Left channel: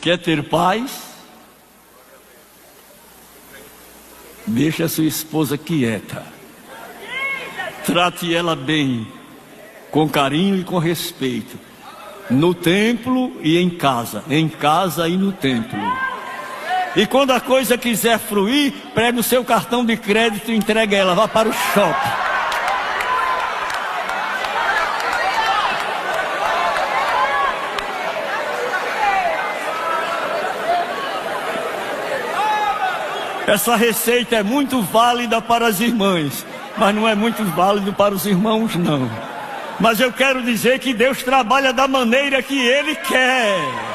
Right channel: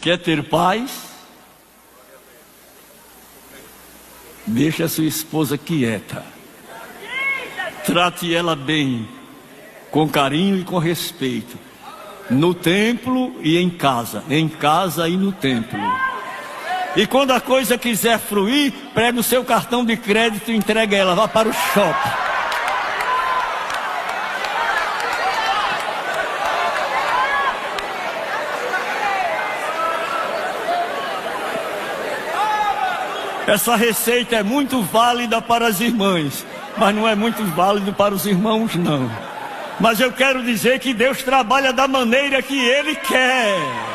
Quer ter paz? Deixa a sua esposa quieta. Trate ela bem, com carinho e com respeito. No templo e em casa e no templo. E quando a coisa quiser fluir, prega o seu cartão de crédito e entrega ela, vá para o shopping. Essa receita é muito válida para as irmãs, mas não é muito válido para os irmãos, não. Mas eu quero dizer que Deus trabalha da maneira que Ele quer.